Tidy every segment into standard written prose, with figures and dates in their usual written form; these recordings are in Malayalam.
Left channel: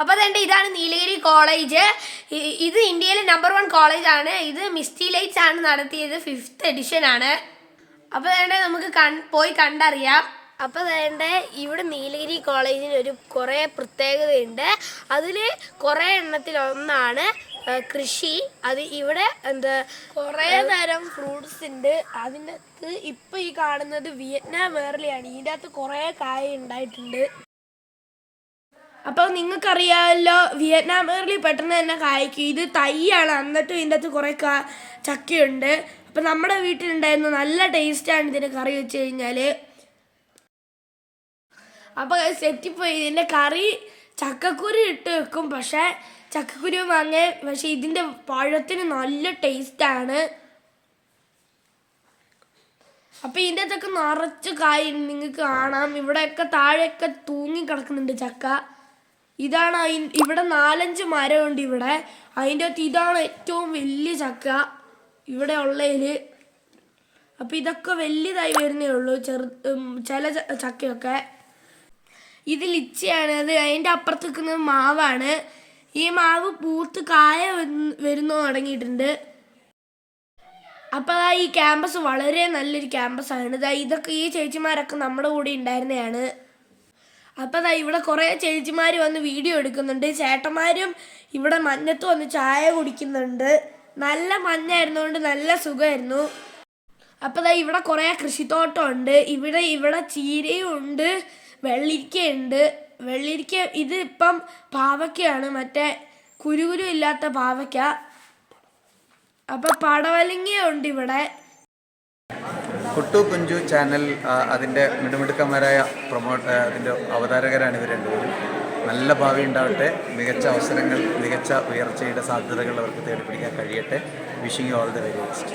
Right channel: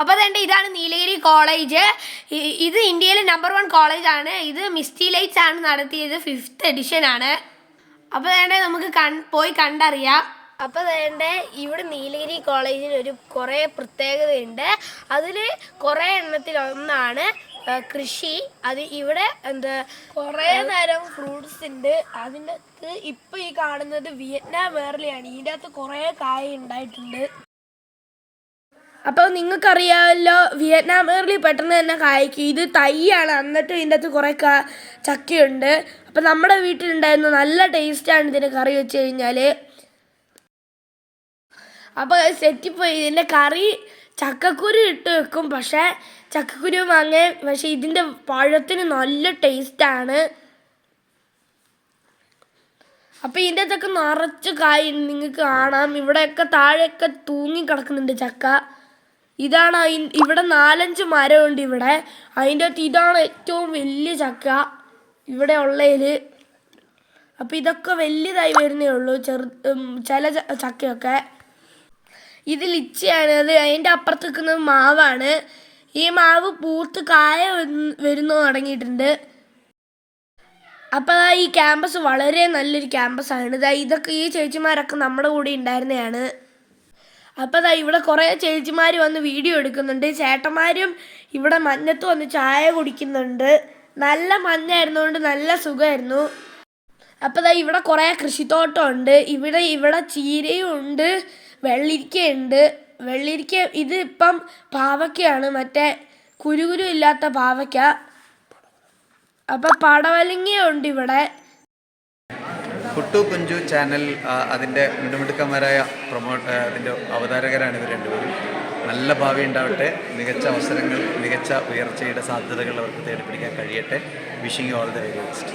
അപ്പോൾ അതുകൊണ്ട് ഇതാണ് നീലഗിരി കോളേജ്. ഇത് ഇന്ത്യയിലെ നമ്പർ 1 കോളേജാണ്. ഇത് മിസ്റ്റി ലൈറ്റ്സ് ആണ് നടത്തിയത്. 5th എഡിഷൻ ആണ്. അപ്പോൾ അതുകൊണ്ട് നമുക്ക് പോയി കണ്ടറിയാം. അപ്പോൾ അതുകൊണ്ട് ഇവിടെ നീലഗിരി കോളേജിന് കുറേ പ്രത്യേകതയുണ്ട്. അതിൽ കുറേ എണ്ണത്തിലൊന്നാണ് കൃഷി. അത് ഇവിടെ കുറേ തരം ഫ്രൂട്ട്സ് ഉണ്ട്. അതിൻ്റെ അകത്ത് ഇപ്പോൾ ഈ കാണുന്നത് വിയറ്റ്നാം വേർലിയാണ്. ഇതിൻ്റെ അകത്ത് കുറേ കായ ഉണ്ടായിട്ടുണ്ട്. അപ്പോൾ നിങ്ങൾക്കറിയാമല്ലോ, വിയറ്റ്നാം വേർലി പെട്ടെന്ന് തന്നെ കായ്ക്കും. ഇത് തൈയാണ്, എന്നിട്ടും ഇതിൻ്റെ അകത്ത് കുറേ ചക്കയുണ്ട്. അപ്പോൾ നമ്മുടെ വീട്ടിലുണ്ടായിരുന്നു. നല്ല ടേസ്റ്റാണ് ഇതിന് കറി വെച്ച് കഴിഞ്ഞാൽ. അപ്പോൾ സെറ്റിപ്പോയി. ഇതിൻ്റെ കറി ചക്കക്കുരു ഇട്ട് വെക്കും, പക്ഷേ ചക്കക്കുരു പക്ഷേ ഇതിൻ്റെ പഴത്തിന് നല്ല ടേസ്റ്റാണ്. അപ്പോൾ ഇതിൻ്റെ അകത്തൊക്കെ നിറച്ച് കായ് നിങ്ങൾക്ക് കാണാം. ഇവിടെയൊക്കെ താഴെയൊക്കെ തൂങ്ങി കിടക്കുന്നുണ്ട് ചക്ക. ഇതാണ് ഇവിടെ 4-5 മരമുണ്ട് ഇവിടെ. അതിൻ്റെ അകത്ത് ഇതാണ് ഏറ്റവും വലിയ ചക്ക ഇവിടെ ഉള്ളതിൽ. അപ്പോൾ ഇതൊക്കെ വലിയതായി വരുന്നേ ഉള്ളൂ, ചില ചക്കയൊക്കെ. ഇത് ലിച്ചിയാണ്. അത് അതിൻ്റെ അപ്പുറത്ത് നിൽക്കുന്നത് മാവാണ്. ഈ മാവ് പൂത്ത് കായ വരുന്നു തുടങ്ങിയിട്ടുണ്ട്. അപ്പോൾ ഈ ക്യാമ്പസ് വളരെ നല്ലൊരു ക്യാമ്പസാണ്. ഇതൊക്കെ ഈ ചേച്ചിമാരൊക്കെ നമ്മുടെ കൂടെ ഉണ്ടായിരുന്നതാണ്. അപ്പോൾ ഇവിടെ കുറേ ചേച്ചിമാർ വന്ന് വീഡിയോ എടുക്കുന്നുണ്ട്. ചേട്ടന്മാരും ഇവിടെ മഞ്ഞത്ത് വന്ന് ചായ കുടിക്കുന്നുണ്ട്. നല്ല മഞ്ഞായിരുന്നുകൊണ്ട് നല്ല സുഖമായിരുന്നു. അപ്പോൾ ഇവിടെ കുറേ കൃഷിത്തോട്ടമുണ്ട്. ഇവിടെ ചീരയും ഉണ്ട്, വെള്ളരിക്കയുണ്ട്. വെള്ളരിക്ക ഇത് ഇപ്പം പാവയ്ക്കയാണ്, മറ്റേ കുരുകുരു ഇല്ലാത്ത പാവയ്ക്ക. അപ്പോൾ പടവലങ്ങയുണ്ട് ഇവിടെ. കുട്ടു കുഞ്ചു ചാനൽ അതിൻ്റെ മിടുമിടുക്കന്മാരായ അതിൻ്റെ അവതാരകരാണ് ഇവർ രണ്ടുപേരും. നല്ല ഭാവി ഉണ്ടാവട്ടെ, മികച്ച അവസരങ്ങൾ, മികച്ച ഉയർച്ചയുടെ സാധ്യതകൾ അവർക്ക് തേടിപ്പിടിക്കാൻ കഴിയട്ടെ. Wishing you all the very best.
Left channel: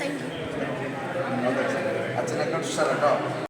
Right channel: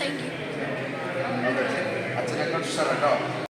Thank you. അച്ഛനെ